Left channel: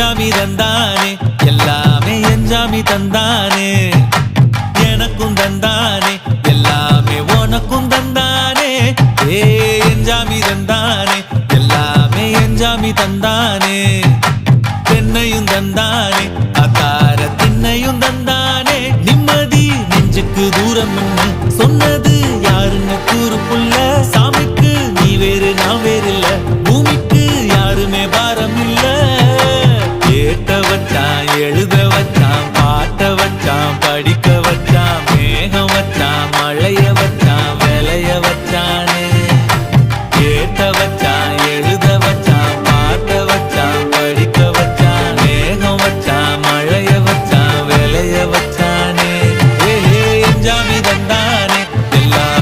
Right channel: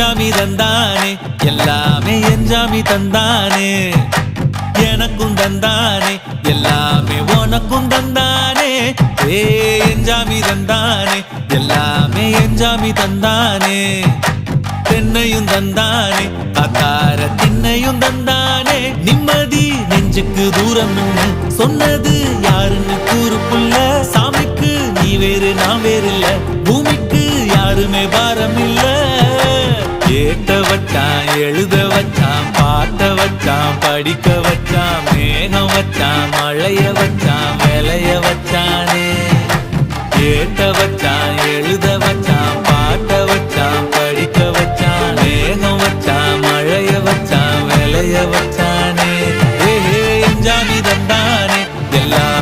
என்ஜாமி தந்தானே எல்லாமே என்ஜாமி தந்தானே எனக்கும் தந்தானே எல்லாமே உனக்கும் தந்தானே ஏ என்ஜாமி தந்தானே எல்லாமே என்ஜாமி தந்தானே தென்னையும் தந்தானே அத்தார திண்ணையும் தந்தானே நிம்மதி நெஞ்சுக்கு தூரம் சொன்னது யாருன்னு கூறு புள்ள சாமிக்கு நீ வேறு நான் வேறு இல்ல பூமிக்கு யாருமே பாரம் இல்ல ஏட்ட வச்சான் எழுத வச்சான் பாட்ட வச்சான் படிக்க வச்சான் மேகம் வச்சான் மழைய வச்சான் விளைய வச்சானே ஏட்ட வச்சான் எழுத வச்சான் பாட்ட வச்சான் படிக்க வச்சான் மேகம் வச்சான் மழைய வச்சான் விளைய வச்சானே ஏ என்ஜாமி தந்தானே எல்லாம்